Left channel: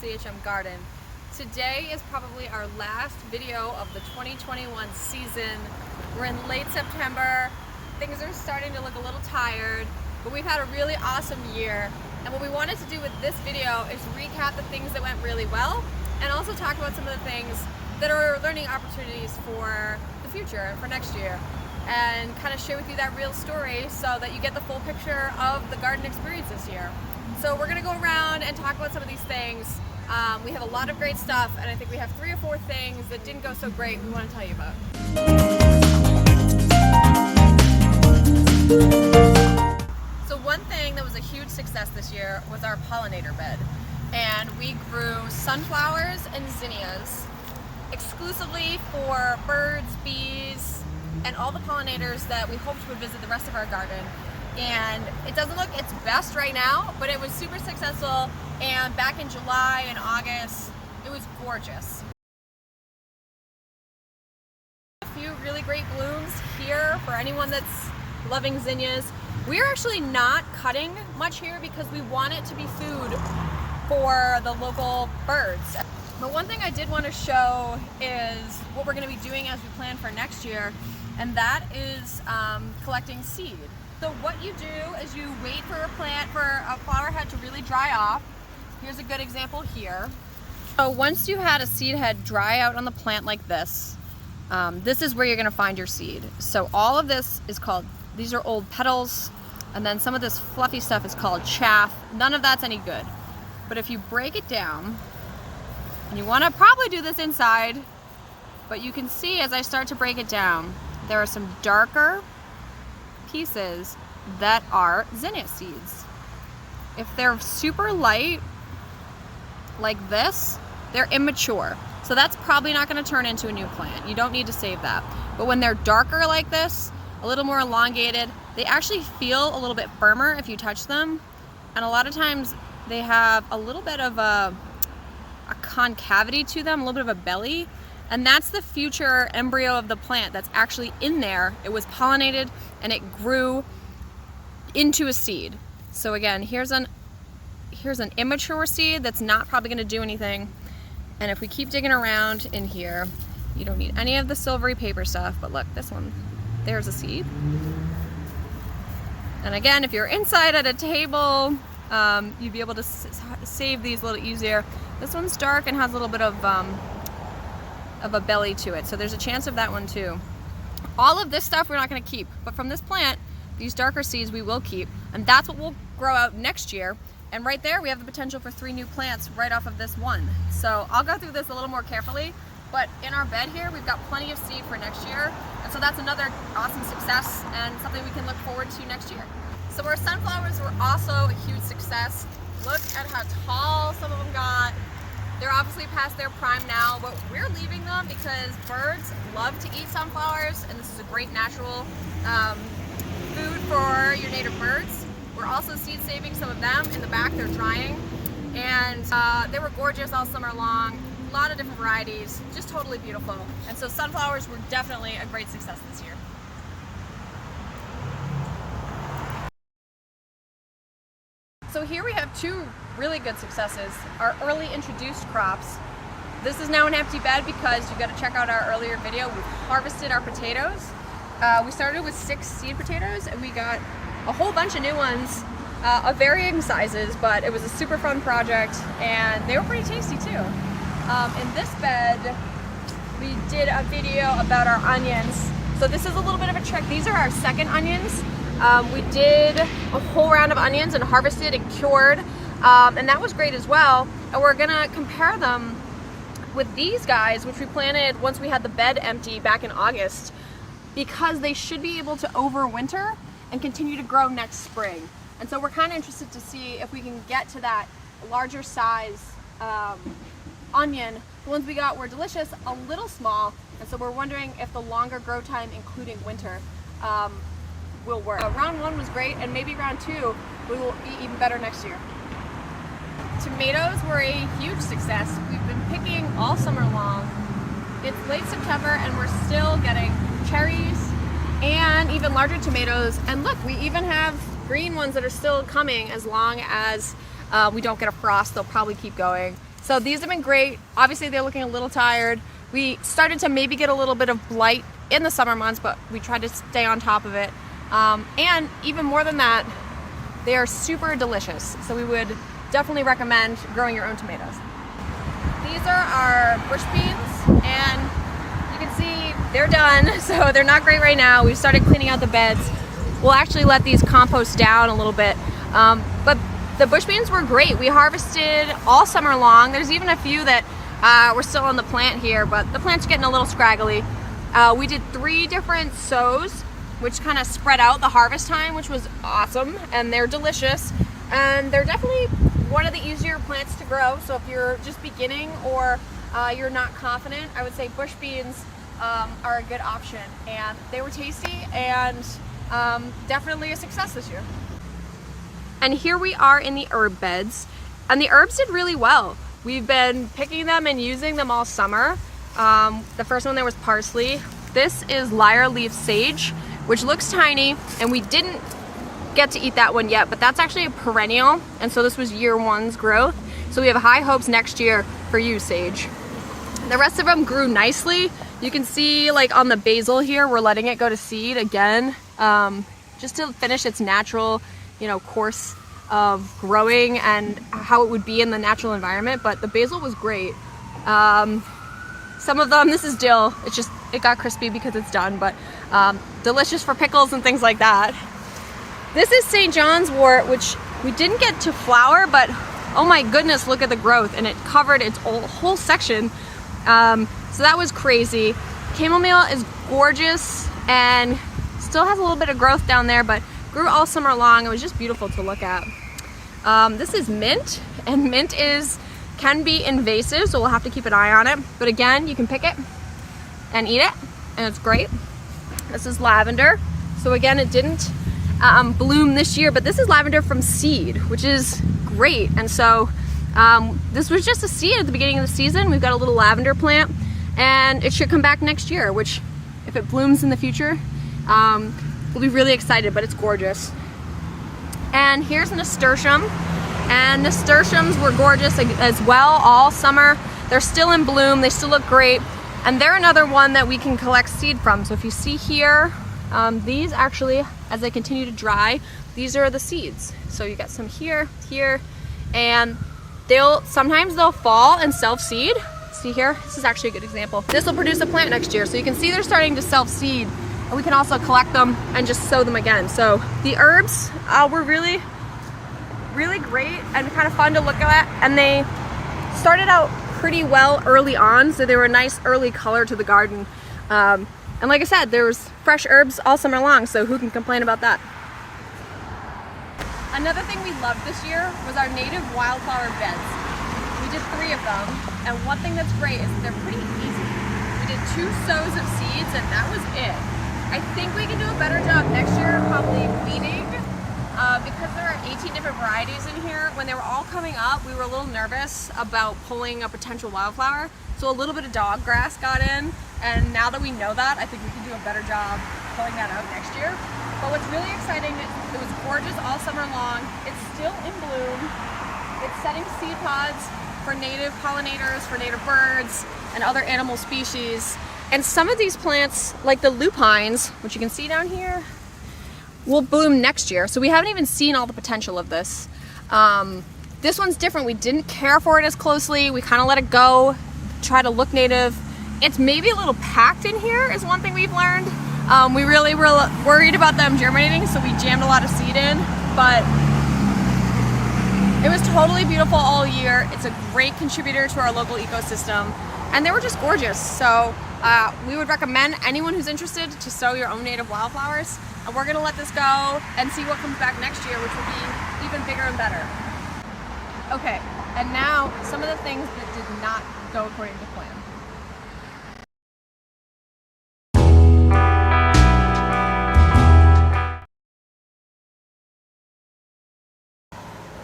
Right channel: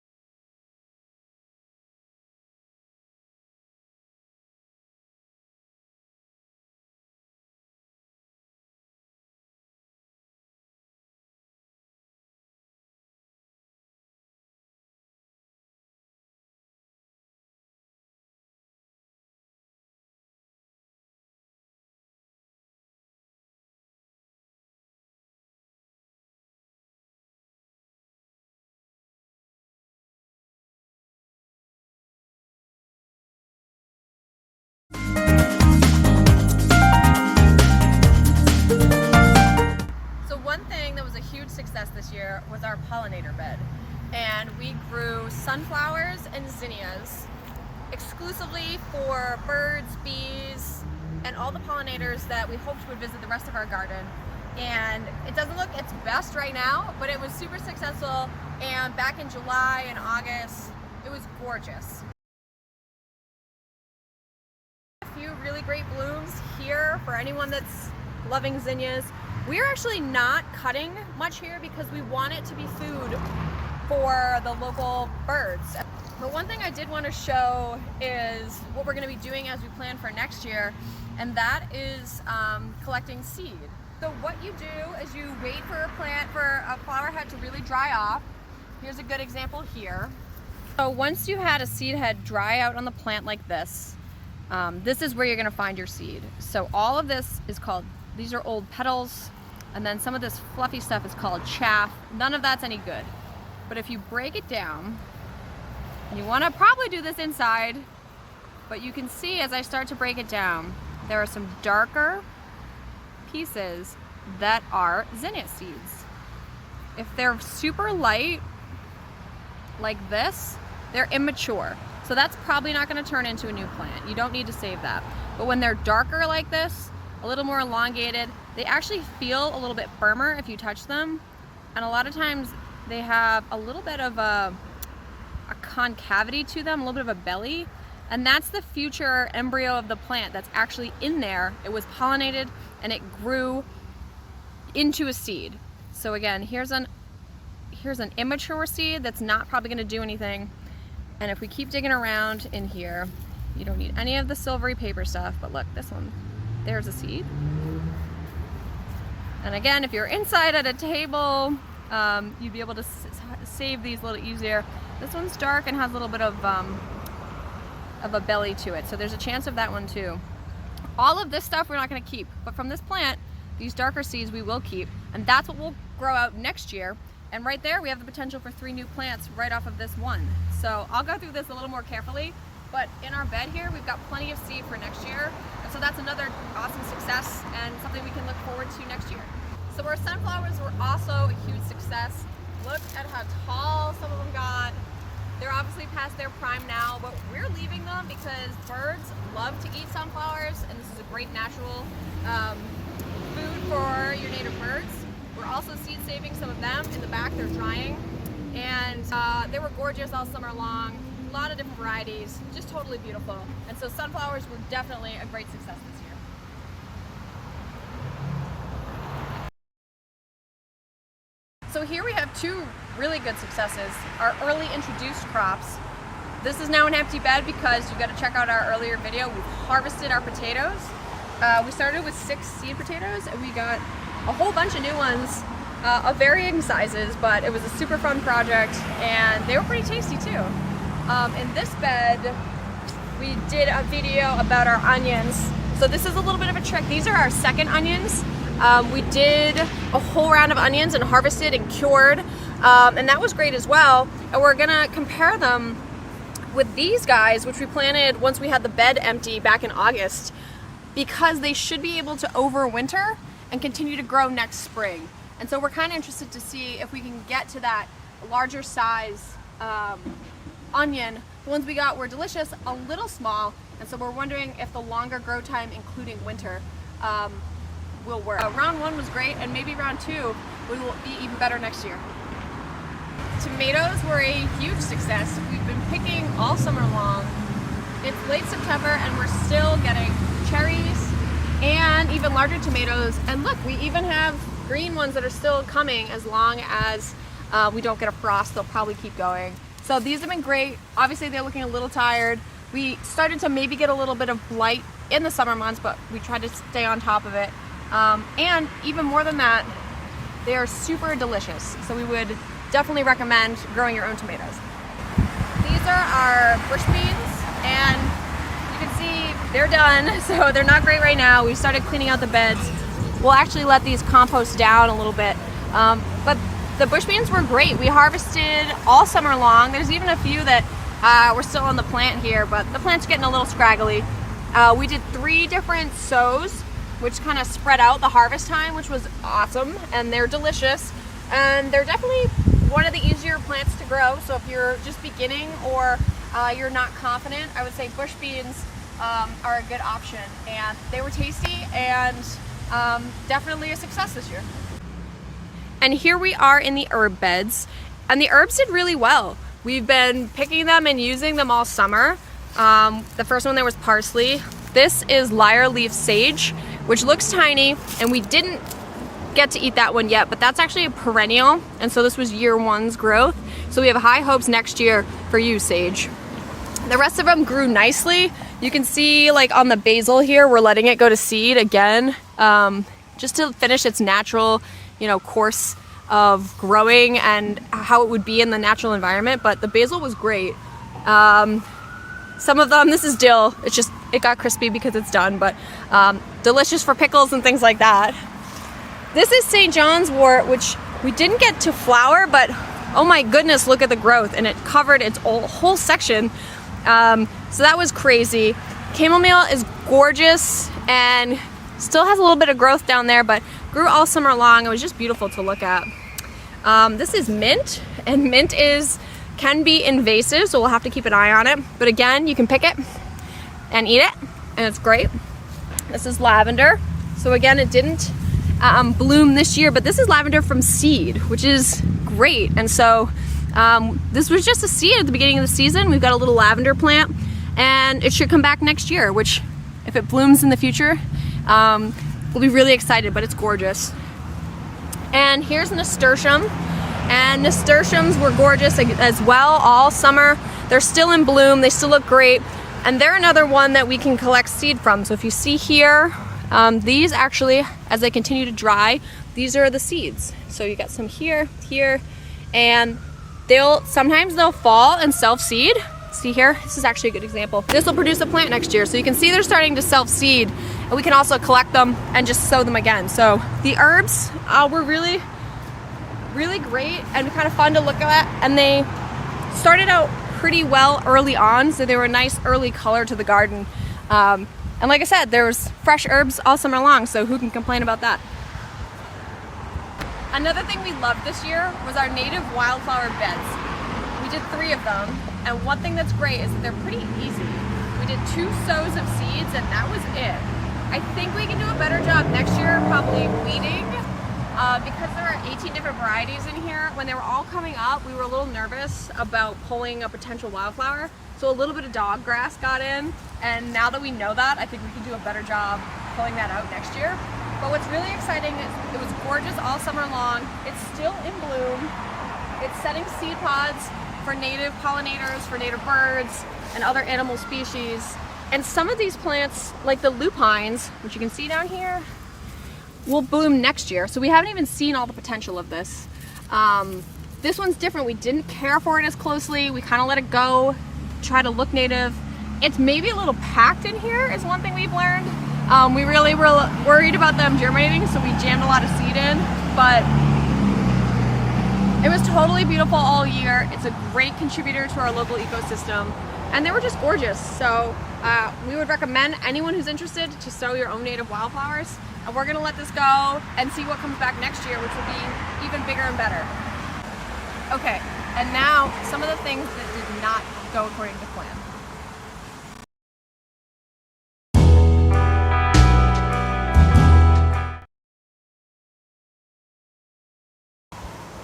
OCHM Garden. Today is probably our last video of the 2021 season. We're in late September. Things are starting to look a little tired, but we've had a really awesome year. And what we wanted to do with this video is recap the things that went really well and also talk about some of the things that are learning opportunities for the future, for next year. And kind of share with you that real story so that you get the full picture of the garden experience this year. So we're gonna go around and talk about some of these things. We have a lot of great stuff, and I think we have 3 or 4 things that didn't go so great we want to tell you about. So one thing that was a huge success this year was our pollinator bed. And we grew sunflowers and zinnias exclusively for birds, bees, and all the pollinators that we hoped would visit the rest of our garden. And it doesn't look its best right now, but it was super successful, and back in July and August it was gorgeous. A few really great blooms here for anyone that's loving zinnias. We're actually not cutting much here because we want it to be food for the local birds. But one thing I did want to show is what we're going to be doing as we plan for next year, and that is collecting seed. So what you do is you wait for a flower head to really dry off. Here's a good example here. So once you had a seed head dry out on the plant like this, this is where you're gonna find your seed. So all of this is called, these are old petals, and then some of this fluffy stuff is called chaff. None of that's any good. But if you break it down, and you wanna probably do this inside, but you can see as I start to break it down, there are some darker pieces that are zinnia seeds. If they're super light like this, they're immature. So that's probably not going to turn into a new plant. You don't need to save that. But when they're darker like this, a little more elongated, they actually feel a little bit firmer if you touch them. And a lot of times they have a little bit of a concavity to them, a little bit of a belly. And that's the future embryo of the plant that's actually in there. It was pollinated and it grew into a seed. So again, here's an immature seed that's not probably gonna do anything. And if we keep digging around in here, you don't need any of the silvery paper stuff, but look, this one, there's a seed. And again, if you're inside at a table, you'd be able to save these a little easier. This one's dark and has a little bit of a belly to it, so there's a chance of that one too. All of this stuff we're not going to keep, but from this plant, these darker seeds we will keep, and that's what will grow out next year. And right there we have the potential for 3 new plants right off of this one. So I'll go through this a little more carefully, but in our bed here we've got plenty of seed for next year, and so that's another awesome success and something we can look forward to next year. So our sunflowers were also a huge success. Look at how tall some of them got. They're obviously past their prime now, but we're leaving them because birds love to eat sunflowers, and this is a great natural food for your native birds. We're also seed saving some of them. In the back, they're drying, and they were gorgeous all summer long. A lot of different varieties, just totally beautiful. And so sunflowers were definitely a great success this year. So here we have 2 really good successes. Our early introduced crops. This is now an empty bed because you got to check out our earlier video. We've harvested our potatoes. We started with 6 seed potatoes and we got a whole bunch of new ones of varying sizes, but it was a super fun project and they were pretty tasty too. In this bed, we did a video about our onions. So this is a little bit of a trick. These are our second onions. We did a whole round of onions and harvested and cured, and that was great as well. And we're gonna compare them with these guys, which we planted once we had the bed empty back in August, because they should be able to overwinter and continue to grow next spring. And so we're kind of interested to see if we can get to that larger size onion. The ones we got were delicious, a little small, and so we're wondering if the longer grow time, including winter, will work. Round 1 was great, and maybe round 2 will be even better next year. Tomatoes were a huge success. We've been picking all summer long. It's late September and we're still getting cherries and even larger tomatoes. And look, we even have green ones that are still coming as long as we don't get a frost. They'll probably keep going. So these have been great. Obviously they're looking a little tired. We started to maybe get a little bit of blight in the summer months, but we tried to stay on top of it. And even more than that, they are super delicious. So we would definitely recommend growing your own tomatoes. These are our bush beans, and you can see they're done. So they're not great right now. We started cleaning out the beds. We'll actually let these compost down a little bit. But the bush beans were great. We harvested all summer long. There's even a few that were still on the plant here, but the plant's getting a little scraggly. We did 3 different sows, which kind of spread out the harvest time, which was awesome, and they're delicious. And they're definitely one of the easier plants to grow. So if you're just beginning or you're not confident, I would say bush beans are a good option. And they were tasty and definitely a success this year. And here we are in the herb beds, and the herbs did really well. We've been picking them and using them all summer. The first one there was parsley. This is lyre leaf sage, which looks tiny, and we didn't get to eat that one yet, but that's actually a perennial, and so this was year 1's growth. So we have high hopes next year for you, sage. The rest of them grew nicely. You can see like on the basil here, we're letting it go to seed again, just to finish its natural, course of growing and how it would be in the natural environment. But the basil was great. Some of them, this is dill, it got crispy because it's done, but delicious for pickles and things like that. This is St. John's wort, which we didn't get to flower, but oh my goodness, look at the growth, and it covered its whole section. So that was crazy. Chamomile is gorgeous and still has a little bit of growth down there, but grew all summer long. It was just beautiful to look at. This is mint, and mint can be invasive, so we'll have to keep an eye on it. But again, you can pick it and eat it, and it's great. This is lavender. So again, it didn't bloom this year, but this is lavender from seed, which is great. And so this was just a seed at the beginning of the season. We've got a little lavender plant, and it should come back next year, which if it blooms in the future, we'll be really excited, but it's gorgeous. And here's nasturtium, and nasturtiums were gorgeous as well all summer. They're still in bloom, they still look great, and they're another one that we can collect seed from. So if you see here, these actually, as they continue to dry, these are the seeds. So you got some here, and sometimes they'll fall and self-seed. See here, this is actually a good example. This will produce a plant next year. So you can see they're starting to self-seed, and we can also collect them and just sow them again. So the herbs were really, really great and kind of fun to look at. And they started out pretty well early on, so they were a nice early color to the garden. And like I said, there was fresh herbs all summer long, so who can complain about that? Another thing we loved this year was our native wildflower beds. We did 3 of them, and one thing that's great is that they're pretty easy. We did 2 sows of seeds, and that was it. I think we can do a better job next year, probably weeding, because there are 18 different varieties in here. When they were all coming up, we were a little nervous about pulling a potential wildflower, so a little bit of dog grass got in, and now that we know that, I think we can do a better job pulling that out next year. But what's really exciting is it was gorgeous all summer long. It's still in bloom. It's setting seed pods for native pollinators, for native birds and other animal species. And some of these plants, like the lupines, which you can see down here, will bloom next year. So we haven't even seen all the potential of this. This one's different. We didn't care for it as closely. We kind of let it go, try to look native. It's maybe a little packed in here is one thing we've learned. We really were worried about them germinating, so we jammed a lot of seed in, but it was totally beautiful all year. It's a great contributor to our local ecosystem, and they were just gorgeous. So we would recommend anyone who's interested to sow your own native wildflowers, and we're gonna let this go and see what comes back next year, which will be even bigger and better. Okay, and now some of the things that did not go according to plan.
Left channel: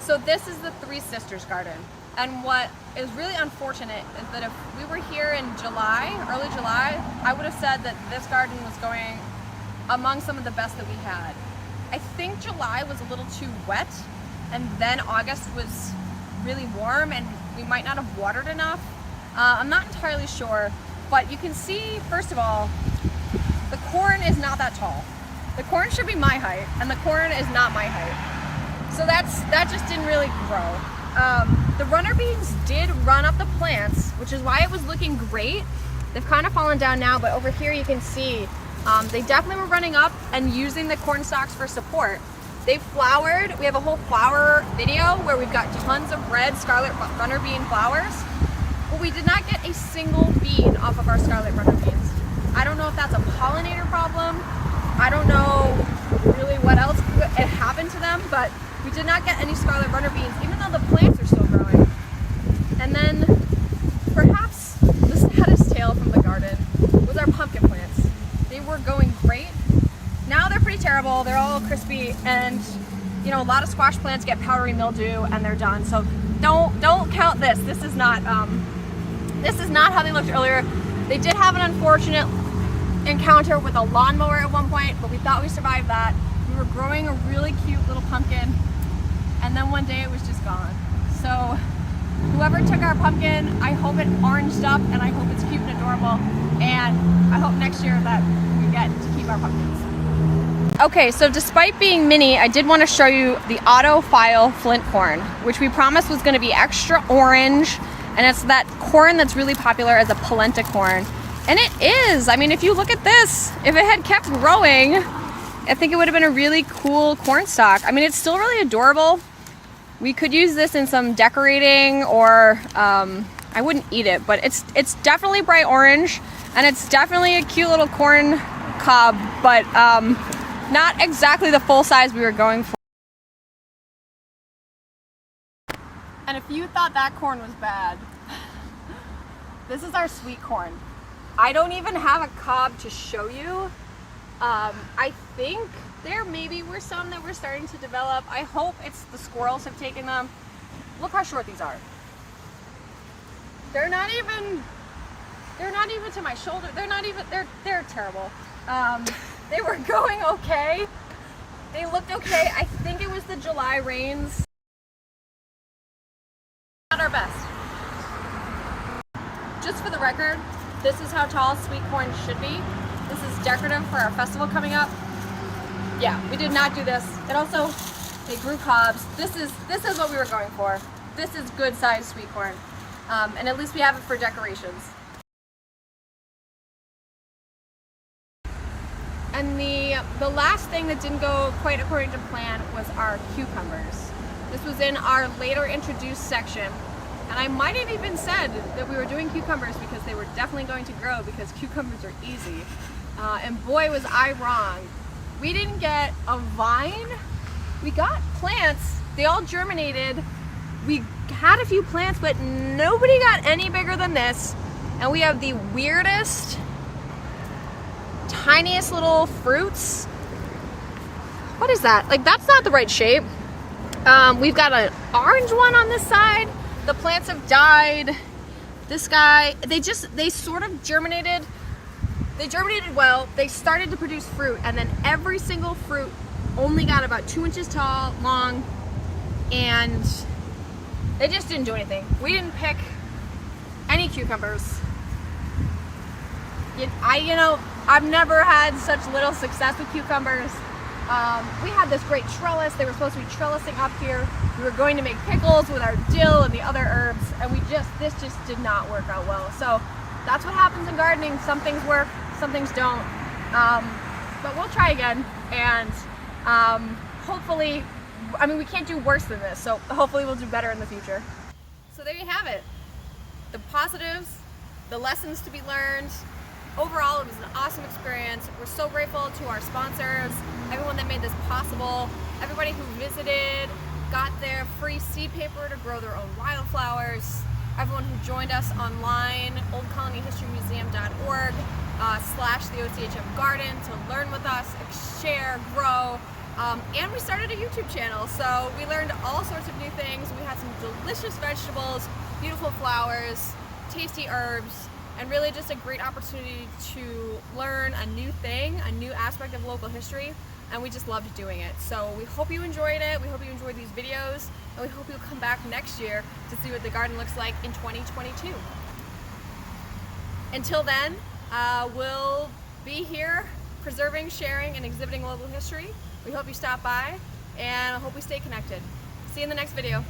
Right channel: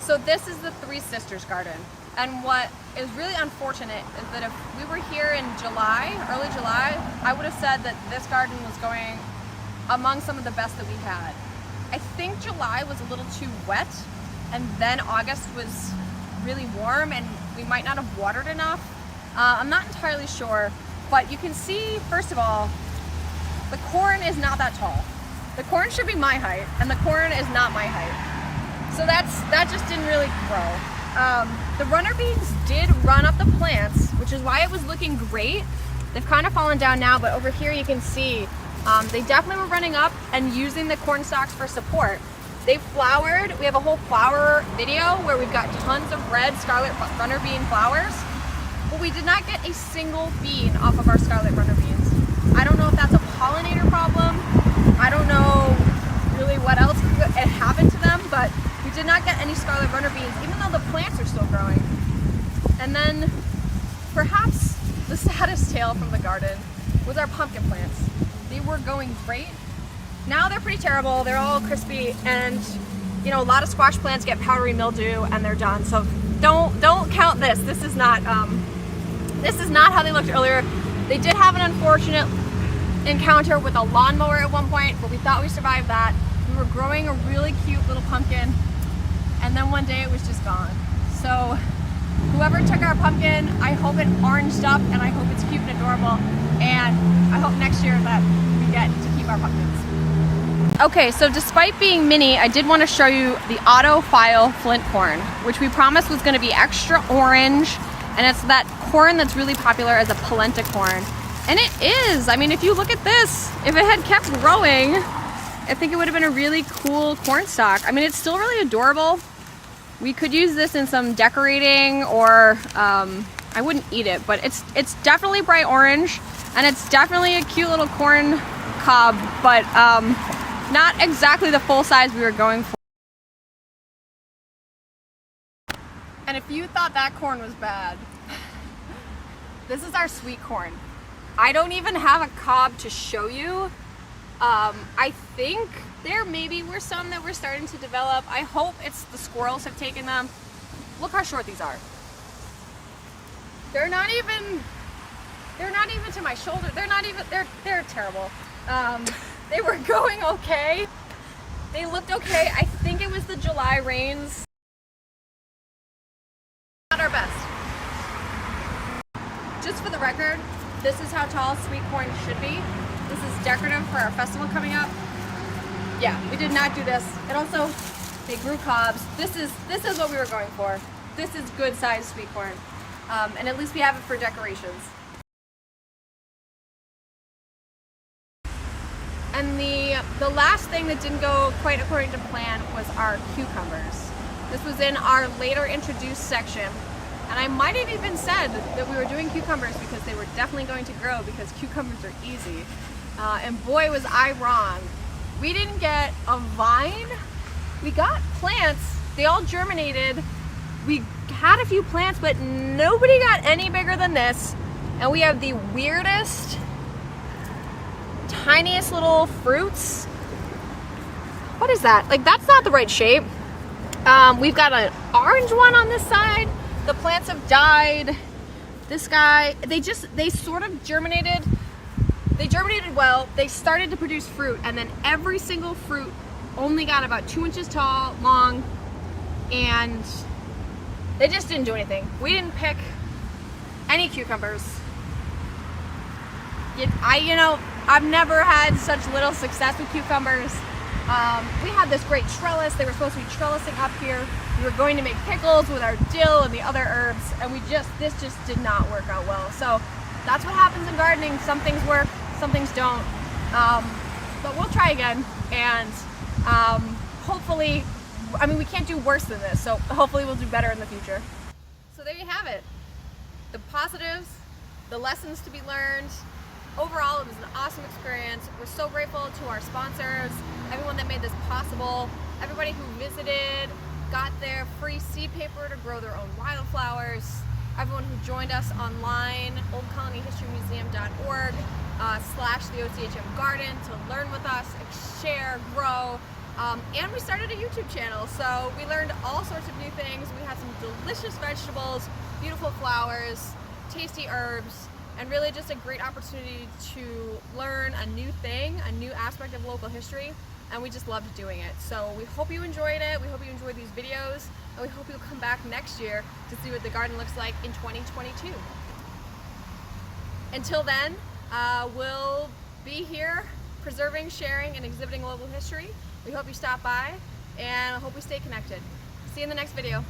So this is the Three Sisters Garden, and what is really unfortunate is that if we were here in July, early July, I would have said that this garden was going among some of the best that we had. I think July was a little too wet, and then August was really warm, and We might not have watered enough. I'm not entirely sure, but you can see, first of all, the corn is not that tall. The corn should be my height, and the corn is not my height. So that just didn't really grow. The runner beans did run up the plants, which is why it was looking great. They've kind of fallen down now, but over here you can see they definitely were running up and using the corn stalks for support. They flowered. We have a whole flower video where we've got tons of red scarlet runner bean flowers, but we did not get a single bean off of our scarlet runner beans. I don't know if that's a pollinator problem. I don't know really what else it happened to them, but we did not get any scarlet runner beans, even though the plants are still growing. And then perhaps the saddest tale from the garden was our pumpkin plants. They were going great. Now they're pretty terrible. They're all crispy, and you know, a lot of squash plants get powdery mildew and they're done. So don't count this. This is not how they looked earlier. They did have an unfortunate encounter with a lawnmower at one point, but we thought we survived that. We were growing a really cute little pumpkin, and then one day it was just gone. So whoever took our pumpkin, I hope it oranged up, and I hope it's cute and adorable, and I hope next year that we get to keep our pumpkins. Okay, so despite being mini, I did want to show you the autophyll flint corn, which we promised was going to be extra orange, and it's that corn that's really popular as a polenta corn. And it is. I mean, if you look at this, if it had kept growing, I think it would have been a really cool corn stalk. I mean, it's still really adorable. We could use this in some decorating, or I wouldn't eat it, but it's definitely bright orange, and it's definitely a cute little corn cob, but not exactly the full size we were going for. And if you thought that corn was bad, this is our sweet corn. I don't even have a cob to show you. I think there maybe were some that were starting to develop. I hope it's the squirrels have taken them. Look how short these are. They're not even to my shoulder. They're terrible. They were going okay. They looked okay. I think it was the July rains. Not our best. Just for the record, this is how tall sweet corn should be. This is decorative for our festival coming up. Yeah, we did not do this. And also, they grew cobs. This is what we were going for. This is good sized sweet corn. And at least we have it for decorations. And the last thing that didn't go quite according to plan was our cucumbers. This was in our later introduced section. And I might have even said that we were doing cucumbers because they were definitely going to grow, because cucumbers are easy. And boy, was I wrong. We didn't get a vine. We got plants. They all germinated. We had a few plants, but nobody got any bigger than this. And we have the weirdest, tiniest little fruits. What is that? Like, that's not the right shape. We've got an orange one on this side. The plants have died. This guy, they sort of germinated. They germinated well. They started to produce fruit, and then every single fruit only got about 2 inches tall, long, and they just didn't do anything. We didn't pick any cucumbers. I've never had such little success with cucumbers. We had this great trellis. They were supposed to be trellising up here. We were going to make pickles with our dill and the other herbs, and this just did not work out well. So that's what happens in gardening. Some things work, some things don't. But we'll try again, and hopefully, I mean, we can't do worse than this, so hopefully we'll do better in the future. So there you have it. The positives, the lessons to be learned. Overall, it was an awesome experience. We're so grateful to our sponsors, everyone that made this possible, everybody who visited, got their free seed paper to grow their own wildflowers, everyone who joined us online, oldcolonyhistorymuseum.org /the OCHM Garden to learn with us, share, grow, and we started a YouTube channel, so we learned all sorts of new things. We had some delicious vegetables, beautiful flowers, tasty herbs, and really just a great opportunity to learn a new thing, a new aspect of local history. and we just loved doing it. So we hope you enjoyed it. We hope you enjoyed these videos, and we hope you'll come back next year to see what the garden looks like in 2022. Until then, we'll be here preserving, sharing, and exhibiting local history. We hope you stop by, and I hope we stay connected. See you in the next video.